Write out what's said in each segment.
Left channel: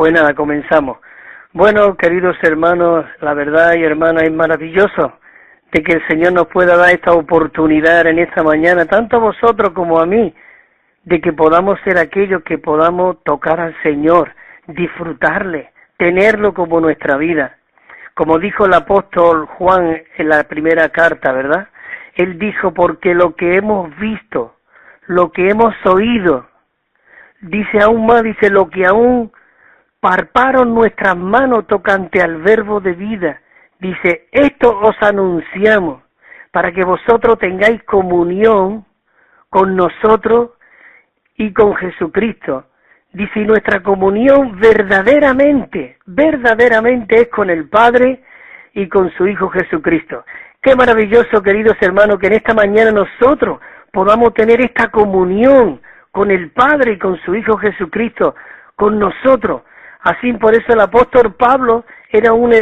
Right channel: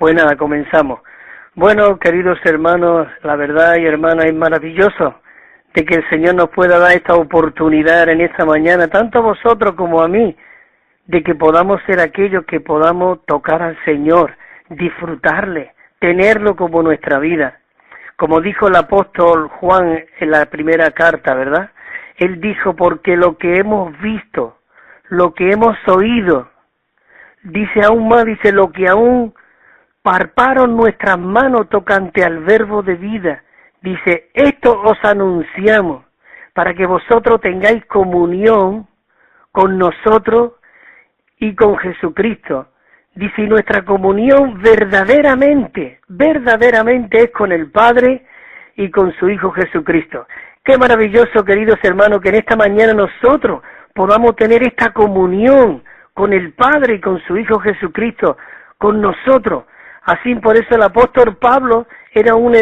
Pues nada, comenzamos. Bueno, queridos hermanos, la verdad y hermanas, es maravilloso de que el Señor nos pueda dar esta oportunidad en esta mañana, tanto a vosotros como a mí, de que podamos ser aquellos que podamos tocar al Señor, disfrutarle, tenerlo como nuestra vida. Como dijo el apóstol Juan en la primera carta, ¿verdad? Él dijo, porque lo que hemos visto, lo que hemos oído, dice aún más, dice lo que aún palparon nuestras manos tocante al verbo de vida. Dice, esto os anunciamos para que vosotros tengáis comunión con nosotros y con Jesucristo. Dice, y nuestra comunión verdaderamente es con el Padre y con su Hijo Jesucristo. Qué maravilloso, queridos hermanos, que en esta mañana nosotros podamos tener esta comunión con el Padre y con su Hijo Jesucristo, con nosotros. Así, por eso el apóstol Pablo era un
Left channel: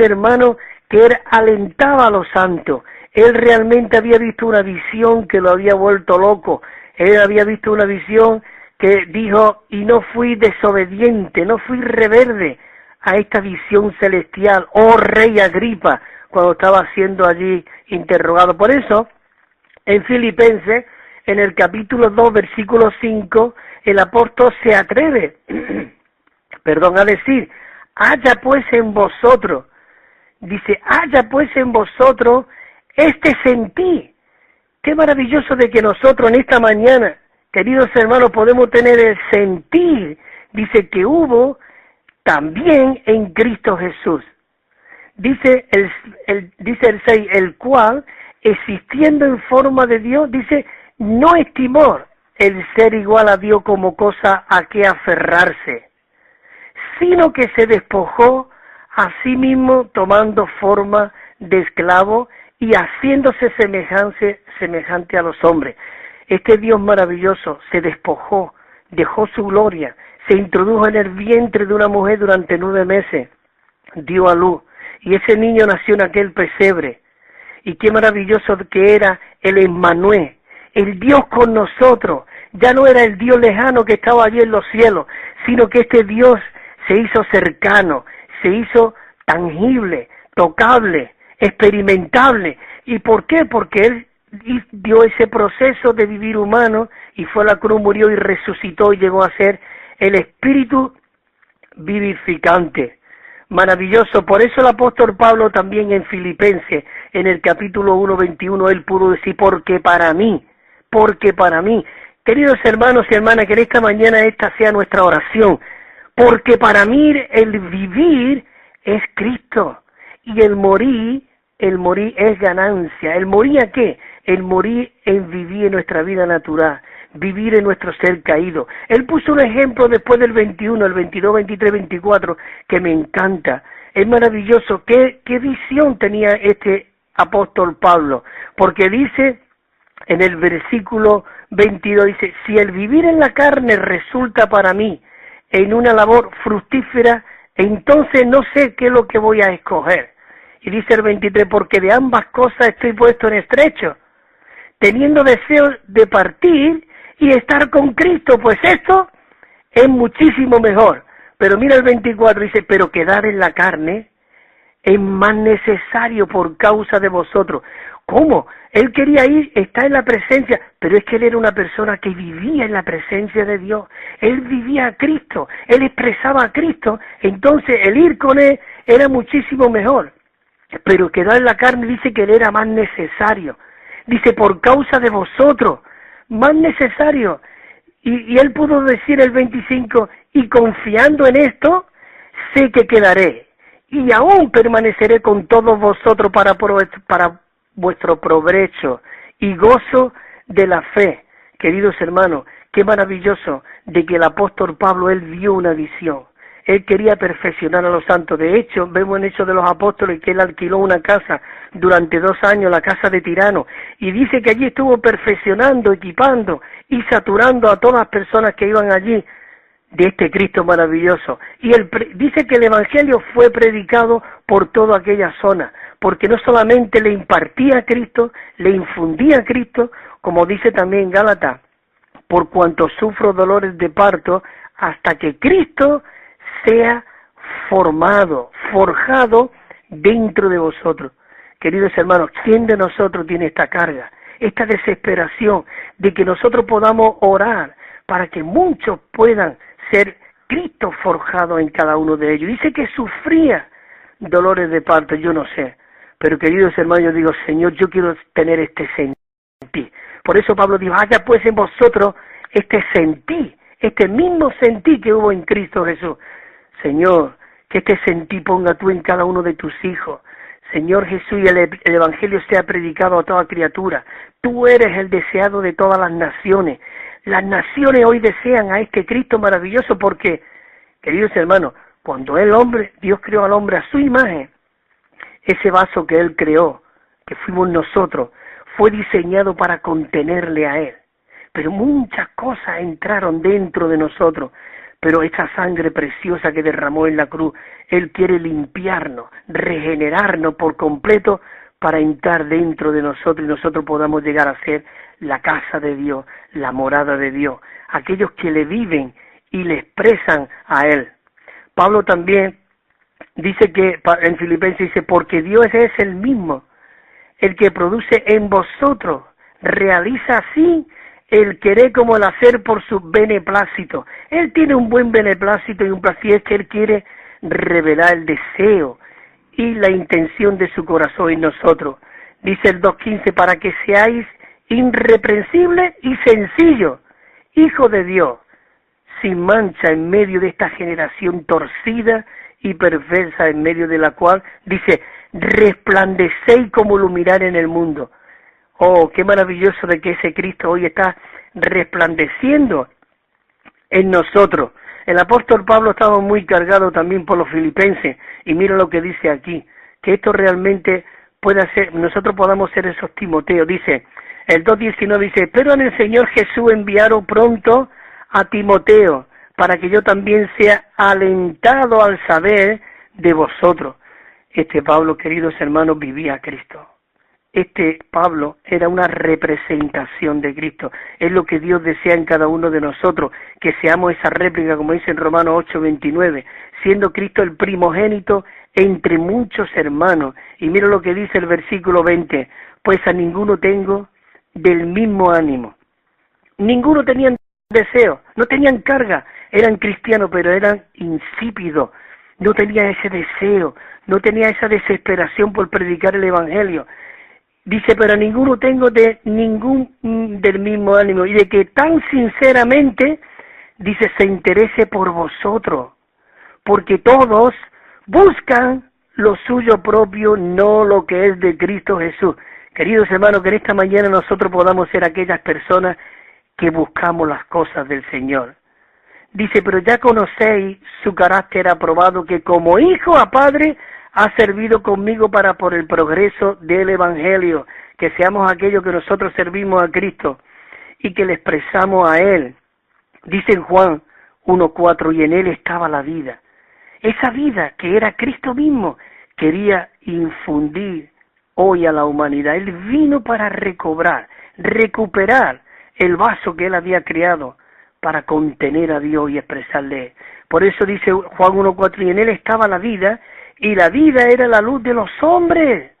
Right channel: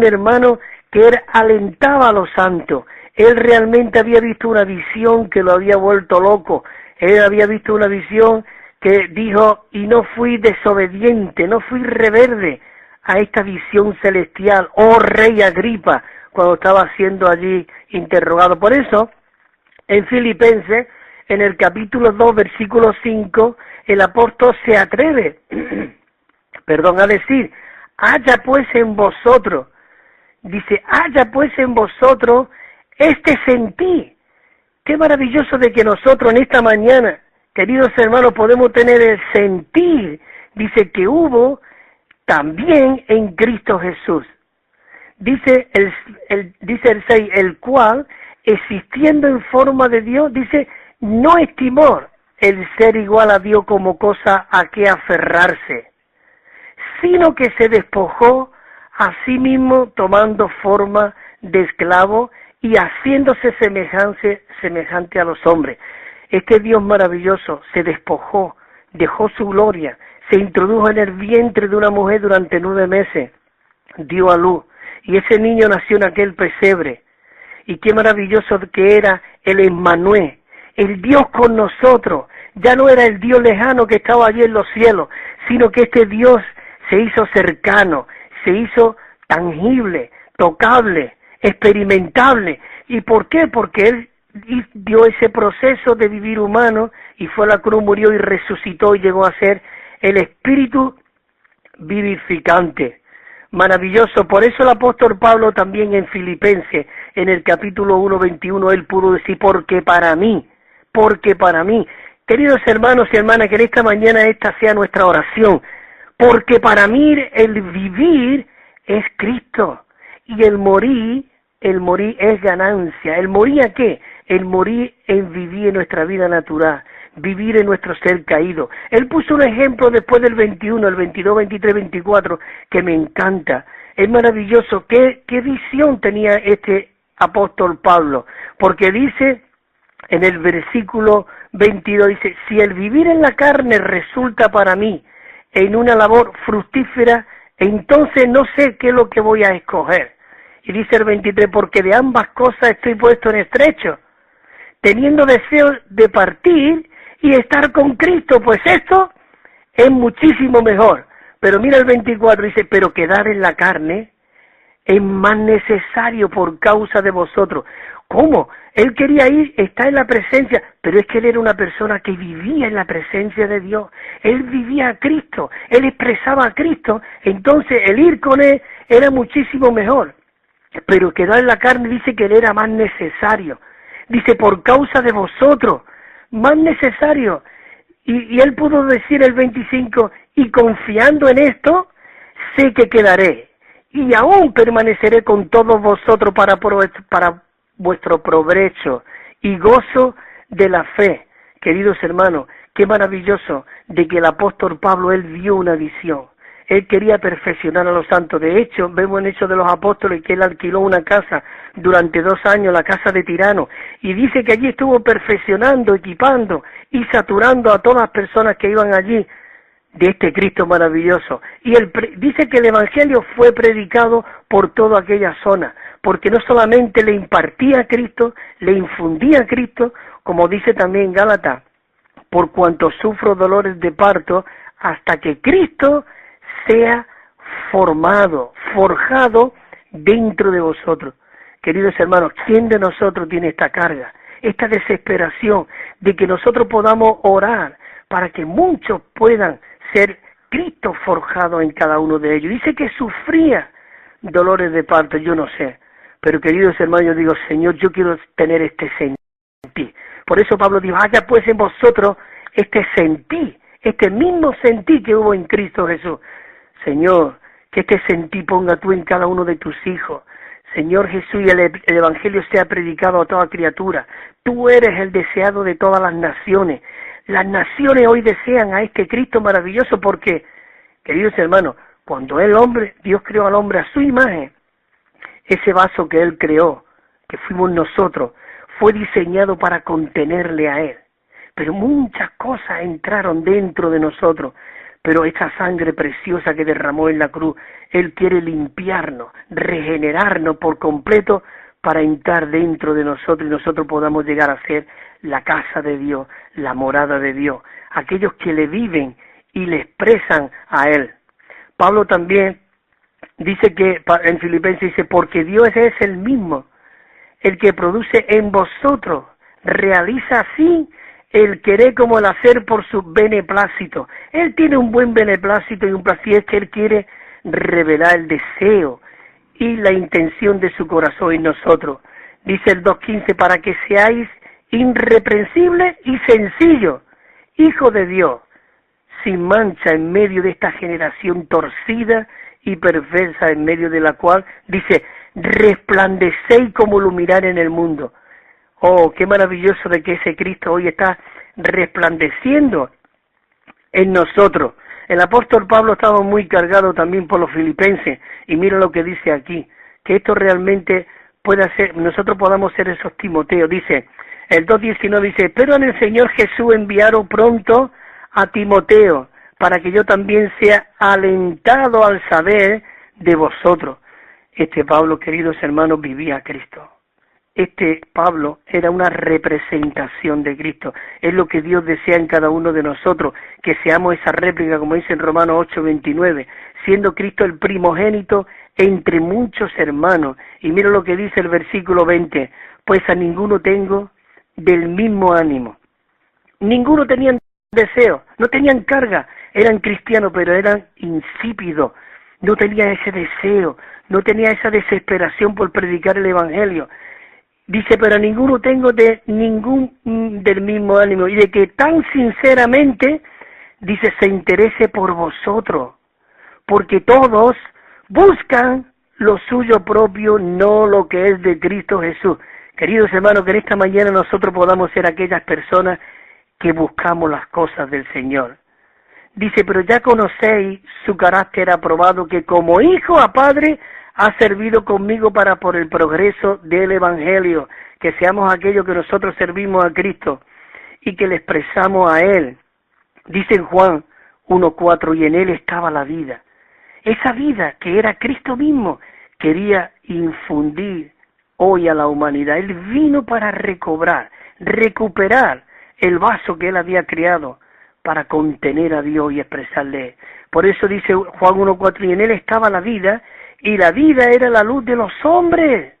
hermano que él alentaba a los santos. Él realmente había visto una visión que lo había vuelto loco. Él había visto una visión que dijo, y no fui desobediente, no fui rebelde a esta visión celestial, oh rey Agripa, cuando estaba siendo allí interrogado. Por eso, en Filipenses, en el capítulo 2, versículo 5, el apóstol se atreve, a decir, haya pues en vosotros, dice, haya pues en vosotros este sentir. Qué maravilloso de que nosotros en esta mañana, queridos hermanos, podemos tener el sentir, dice, que hubo también en Cristo Jesús. Dice el 6, el cual, existiendo en forma de Dios, dice, no estimó el ser igual a Dios como cosa a que aferrarse, sino que se despojó a sí mismo tomando forma de esclavo y haciéndose semejante a los hombres. Este Dios maravilloso se despojó, dejó su gloria, se introdujo en el vientre de una mujer durante 9 meses, dio a luz, y ese niño nació en aquel pesebre. Y qué maravilloso que era el Emmanuel, el Dios con nosotros. Ya no era el Dios lejano que estaba allí en los cielos, sino que este Dios se hizo cercano, se hizo tangible, tocable, experimentable. ¿Y por qué? Porque Él dio ese proceso de vivir humano y fue a la cruz, murió y resucitó y llegó a ser el Espíritu vivificante. Maravilloso. Por eso el apóstol Pablo también en Filipenses, en el capítulo 1, 21, él pudo decir, porque para mí. Queridos hermanos y hermanas, que esta mañana esta sea nuestra oración. Porque para mí el vivir es Cristo y el morir es ganancia. ¿El morir a qué? El morir es vivir en nuestra vida natural, vivir en nuestro ser caído. Él puso un ejemplo después del 21, el 22, 23, 24, que me encanta. Es maravilloso. ¿Qué visión tenía este apóstol Pablo? Porque dice en el versículo 22, dice, si el vivir en la carne resulta para mí en una labor fructífera, entonces no sé qué es lo que voy a escoger. Y dice el 23, porque de ambas cosas estoy puesto en estrecho, teniendo deseo de partir y estar con Cristo, pues esto es muchísimo mejor. Pero mira el 24, dice, pero quedar en la carne es más necesario por causa de vosotros. ¿Cómo? Él quería ir, está en la presencia, pero es que él era una persona que vivía en la presencia de Dios. Él vivía a Cristo, él expresaba a Cristo, entonces el ir con él era muchísimo mejor. Pero quedar en la carne dice que era más necesario. Dice, por causa de vosotros, más necesario. Y él pudo decir el 25, y confiando en esto, sé que quedaré, y aún permaneceré con todos vosotros para vuestro provecho y gozo de la fe. Queridos hermanos, qué maravilloso de que el apóstol Pablo, él vio una visión. Él quería perfeccionar a los santos. De hecho, vemos en Hechos de los Apóstoles que él alquiló una casa durante 2 años, la casa de Tirano, y dice que allí estuvo perfeccionando, equipando y saturando a todas las personas que iban allí de este Cristo maravilloso. Y él dice que el Evangelio fue predicado por toda aquella zona, porque no solamente le impartía a Cristo, le infundía a Cristo, como dice también Gálatas, por cuanto sufro dolores de parto, hasta que Cristo sea formado, forjado dentro de vosotros. Queridos hermanos, ¿quién de nosotros tiene esta carga, esta desesperación de que nosotros podamos orar para que muchos puedan ser Cristo forjado en cada uno de ellos? Dice que sufría dolores de parto, yo no sé, pero queridos hermanos, yo digo, Señor, yo quiero tener este sentir. Por eso Pablo dijo, haya pues en vosotros este sentir, este mismo sentir que hubo en Cristo Jesús. Señor, que este sentir ponga tú en cada uno de tus hijos. Señor Jesús, y el Evangelio sea predicado a toda criatura. Tú eres el deseado de todas las naciones. Las naciones hoy desean a este Cristo maravilloso porque, queridos hermanos, cuando el hombre, Dios creó al hombre a su imagen, ese vaso que Él creó, que fuimos nosotros, fue diseñado para contenerle a Él. Pero muchas cosas entraron dentro de nosotros. Pero esta sangre preciosa que derramó en la cruz, Él quiere limpiarnos, regenerarnos por completo para entrar dentro de nosotros y nosotros podamos llegar a ser la casa de Dios, la morada de Dios, aquellos que le viven y le expresan a Él. Pablo también dice que en Filipenses dice, porque Dios es el mismo, el que produce en vosotros, realiza así el querer como el hacer por su beneplácito. Él tiene un buen beneplácito y un placer que Él quiere revelar el deseo y la intención de su corazón en nosotros. Dice el 2.15, para que seáis irreprensibles y sencillos, hijos de Dios, sin mancha en medio de esta generación torcida y perversa, en medio de la cual, dice, resplandecéis como luminar en el mundo. Oh, qué maravilloso de que ese Cristo hoy está resplandeciendo en nosotros. El apóstol Pablo estaba muy cargado también por los filipenses, y mira lo que dice aquí, que esto realmente puede ser, nosotros podamos ser esos Timoteos. Dice, el 2.19 dice, pero en el Señor Jesús enviaron pronto a Timoteo, para que yo también sea alentado al saber de vosotros. Este Pablo, queridos hermanos, vivía a Cristo. Este Pablo era una representación de Cristo. Es lo que Dios desea en cada uno de nosotros, que seamos esa réplica, como dice en Romanos 8:29, siendo Cristo el primogénito entre muchos hermanos. Y mira lo que dice el versículo 20, pues a ninguno tengo del mismo ánimo. Ninguno tenía deseo, no tenían carga, eran cristianos, pero eran insípidos, no tenían ese deseo, no tenía esa desesperación por predicar el Evangelio. Dice, pero ninguno tengo del mismo ánimo, y de que tan sinceramente, dice, se interese por vosotros, porque todos buscan lo suyo propio, no lo que es de Cristo Jesús. Queridos hermanos, que en esta mañana nosotros podamos ser aquellas personas que buscamos las cosas del Señor. Dice, pero ya conocéis su carácter aprobado, que como hijo a padre ha servido conmigo para por el progreso del Evangelio, que seamos aquellos que nosotros servimos a Cristo y que le expresamos a Él. Dice en Juan 1:4, y en Él estaba la vida. Esa vida que era Cristo mismo, quería infundir hoy a la humanidad. Él vino para recuperar el vaso que Él había creado para contener a Dios y expresarle. Por eso dice Juan 1:4, y en Él estaba la vida, y la vida era la luz de los hombres.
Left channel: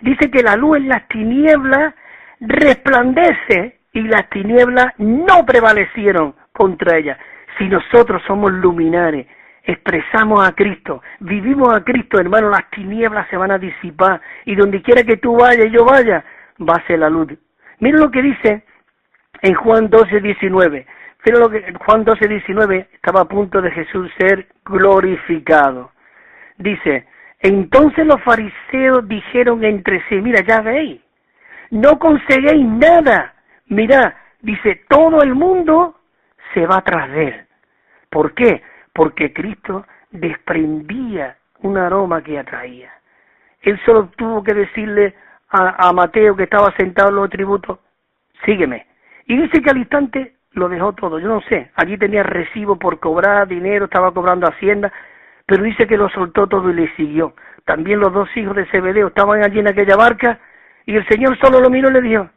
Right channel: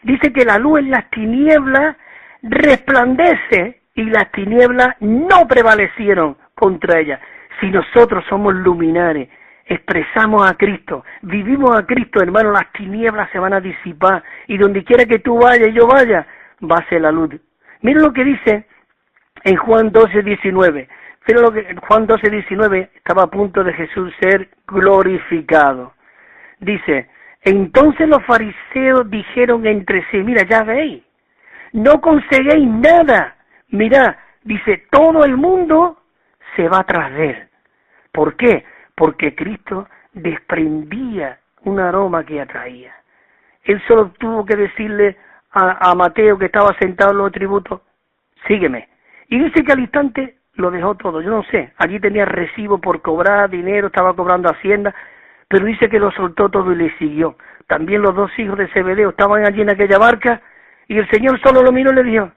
Dice que la luz en las tinieblas resplandece, y las tinieblas no prevalecieron contra ella. Si nosotros somos luminares, expresamos a Cristo, vivimos a Cristo, hermano, las tinieblas se van a disipar, y donde quiera que tú vayas, yo vaya, va a ser la luz. Mira lo que dice en Juan 12:19. Mira lo que Juan 12:19 estaba a punto de Jesús ser glorificado. Dice, entonces los fariseos dijeron entre sí, mira, ya veis, no conseguéis nada. Mira, dice, todo el mundo se va tras de Él. ¿Por qué? Porque Cristo desprendía un aroma que atraía. Él solo tuvo que decirle a Mateo, que estaba sentado en los tributos, sígueme. Y dice que al instante lo dejó todo. Yo no sé, aquí tenía recibo por cobrar dinero, estaba cobrando Hacienda, pero dice que lo soltó todo y le siguió. También los dos hijos de Zebedeo estaban allí en aquella barca, y el Señor solo lo miró y le dijo,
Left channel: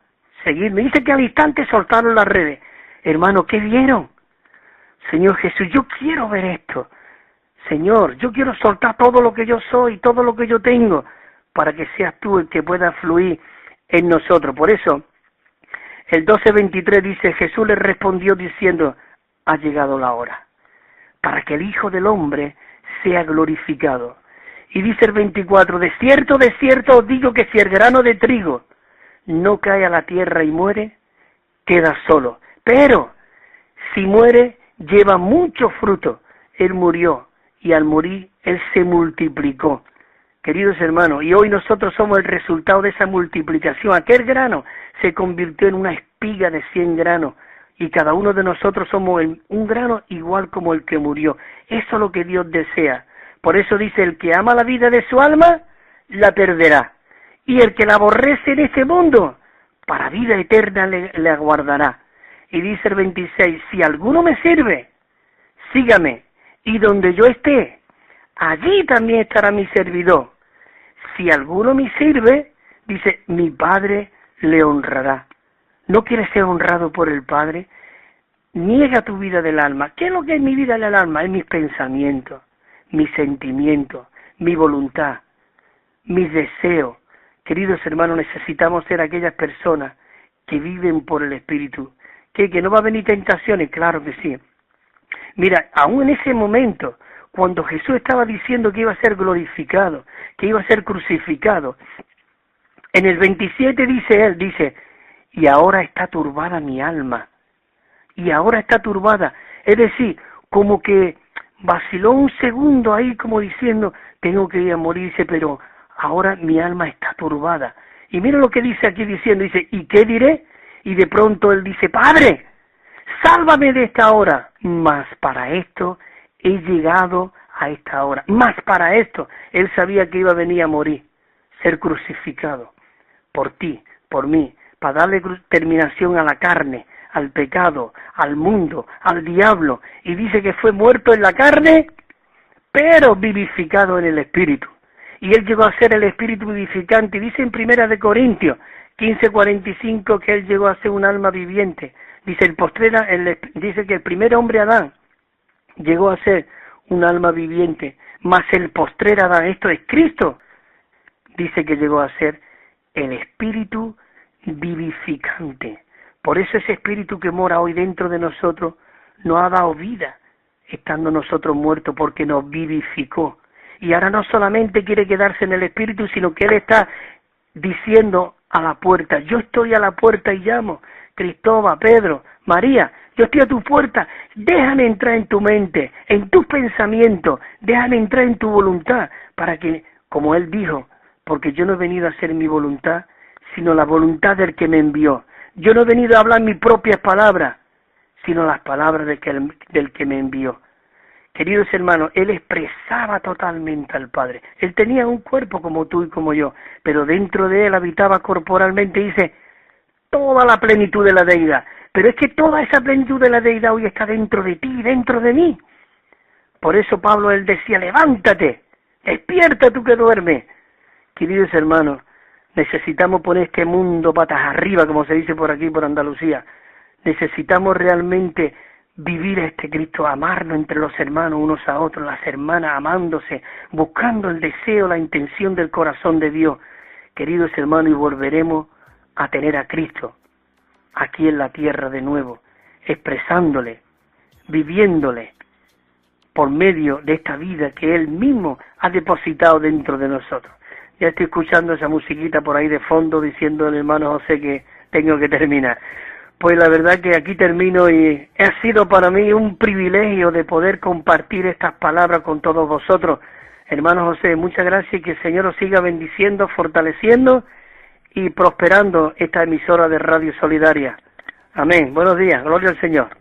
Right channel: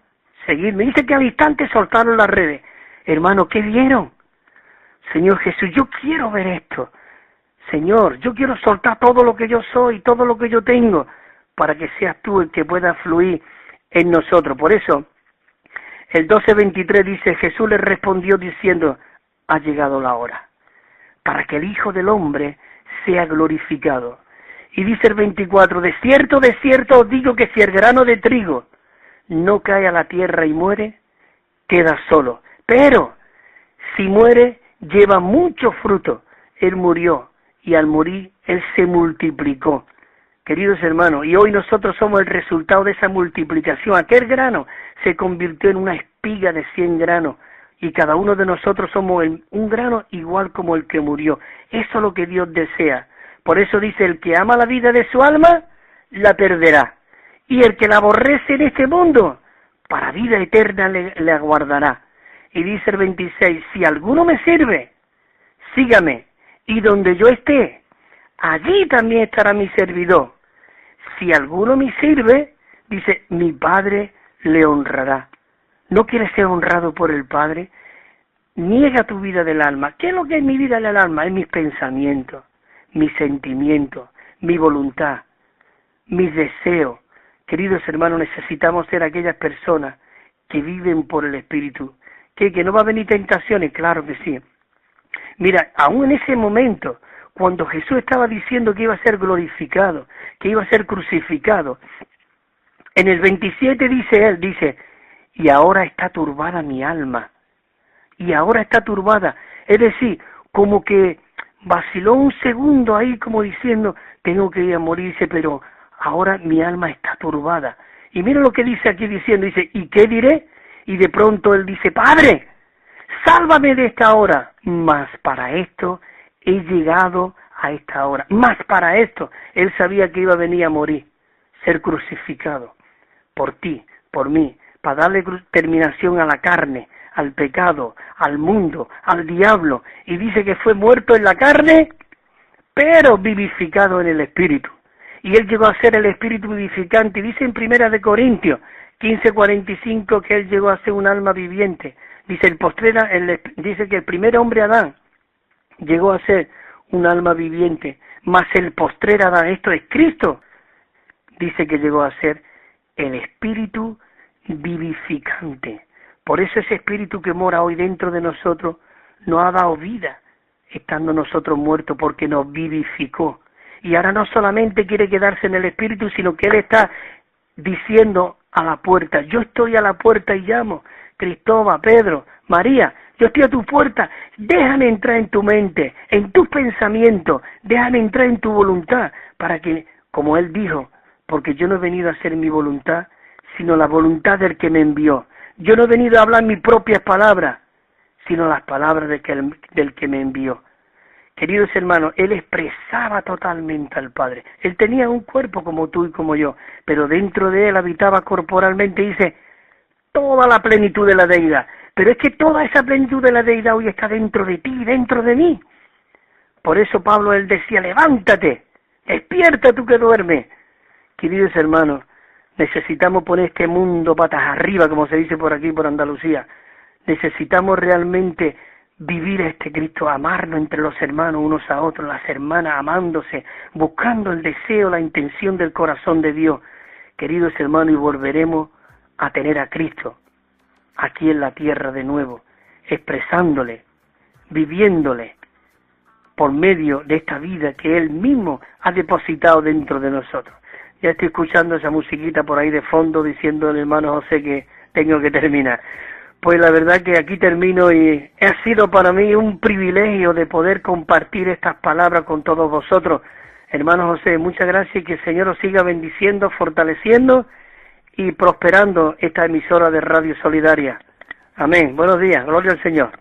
seguidme. Dice que al instante soltaron las redes. Hermano, ¿qué vieron? Señor Jesús, yo quiero ver esto. Señor, yo quiero soltar todo lo que yo soy, todo lo que yo tengo, para que seas tú el que pueda fluir en nosotros. Por eso, el 12:23 dice, Jesús le respondió diciendo, ha llegado la hora, para que el Hijo del Hombre sea glorificado. Y dice el 24, de cierto os digo que si el grano de trigo no cae a la tierra y muere, queda solo. Pero, si muere, lleva mucho fruto. Él murió, y al morir, Él se multiplicó. Queridos hermanos, y hoy nosotros somos el resultado de esa multiplicación. Aquel grano se convirtió en una espiga de 100 granos, y cada uno de nosotros somos un grano igual como el que murió. Eso es lo que Dios desea. Por eso dice, el que ama la vida de su alma, la perderá. Y el que la aborrece en este mundo, para vida eterna le aguardará. Y dice el 26, si alguno me sirve, sígame, y donde yo esté, allí también estará mi servidor. Si alguno me sirve, dice, mi Padre le honrará. ¿No quieres ser honrado por el Padre? Niega tu vida del alma. ¿Qué es lo que es mi vida del alma? Es mis pensamientos, mis sentimientos, mi voluntad, mis deseos. Queridos hermanos, necesitamos ser aquellas personas que viven por el Espíritu. ¿Que no va a venir tentaciones? Claro que sí. Mira, aún en ese momento, cuando Jesús estaba diciendo que iba a ser glorificado, que iba a ser crucificado, en el 27 dice, y ahora está turbada mi alma. Y ahora está turbada. Es decir, como que vaciló un segundo ahí como diciendo, tengo que ir a morirse, pero ahora mi alma está turbada. Y mira lo que dice aquí diciendo, dice, ¿y qué diré? Y de pronto él dice, Padre, sálvame de esta hora. Mas para esto he llegado a esta hora. Mas para esto, él sabía que iba a venir a morir, ser crucificado por ti, por mí, para darle terminación a la carne, al pecado, al mundo, al diablo. Y dice que fue muerto en la carne, pero vivificado en el Espíritu. Y él llegó a ser el Espíritu vivificante. Y dice en 1 Corintios 15:45 que él llegó a ser un alma viviente. Dice dice que el primer hombre Adán llegó a ser un alma viviente, mas el postrer Adán, esto es Cristo, dice que llegó a ser el Espíritu vivificante. Por eso ese Espíritu que mora hoy dentro de nosotros nos ha dado vida, estando nosotros muertos, porque nos vivificó. Y ahora no solamente quiere quedarse en el Espíritu, sino que Él está diciendo a la puerta, yo estoy a la puerta y llamo. Cristóbal, Pedro, María, yo estoy a tu puerta, déjame entrar en tu mente, en tu pensamiento, déjame entrar en tu voluntad, para que, como Él dijo, porque yo no he venido a hacer mi voluntad, sino la voluntad del que me envió. Yo no he venido a hablar mis propias palabras, sino las palabras del que me envió. Queridos hermanos, Él expresaba totalmente al Padre. Él tenía un cuerpo como tú y como yo, pero dentro de Él habitaba corporalmente, dice, toda la plenitud de la deidad. Pero es que toda esa plenitud de la deidad hoy está dentro de ti y dentro de mí. Por eso Pablo, él decía, levántate, despierta tú que duermes. Queridos hermanos, necesitamos poner este mundo patas arriba, como se dice por aquí, por Andalucía. Necesitamos realmente vivir este Cristo, amarnos entre los hermanos unos a otros, las hermanas amándose, buscando el deseo, la intención del corazón de Dios. Queridos hermanos, y volveremos a tener a Cristo aquí en la tierra de nuevo, expresándole, viviéndole por medio de esta vida que Él mismo ha depositado dentro de nosotros. Ya estoy escuchando esa musiquita por ahí de fondo diciendo al hermano José que tengo que terminar. Pues la verdad que aquí termino y ha sido para mí un privilegio de poder compartir estas palabras con todos vosotros. Hermano José, muchas gracias y que el Señor os siga bendiciendo, fortaleciendo y prosperando esta emisora de Radio Solidaria. Amén. Buenos días. Gloria al Señor.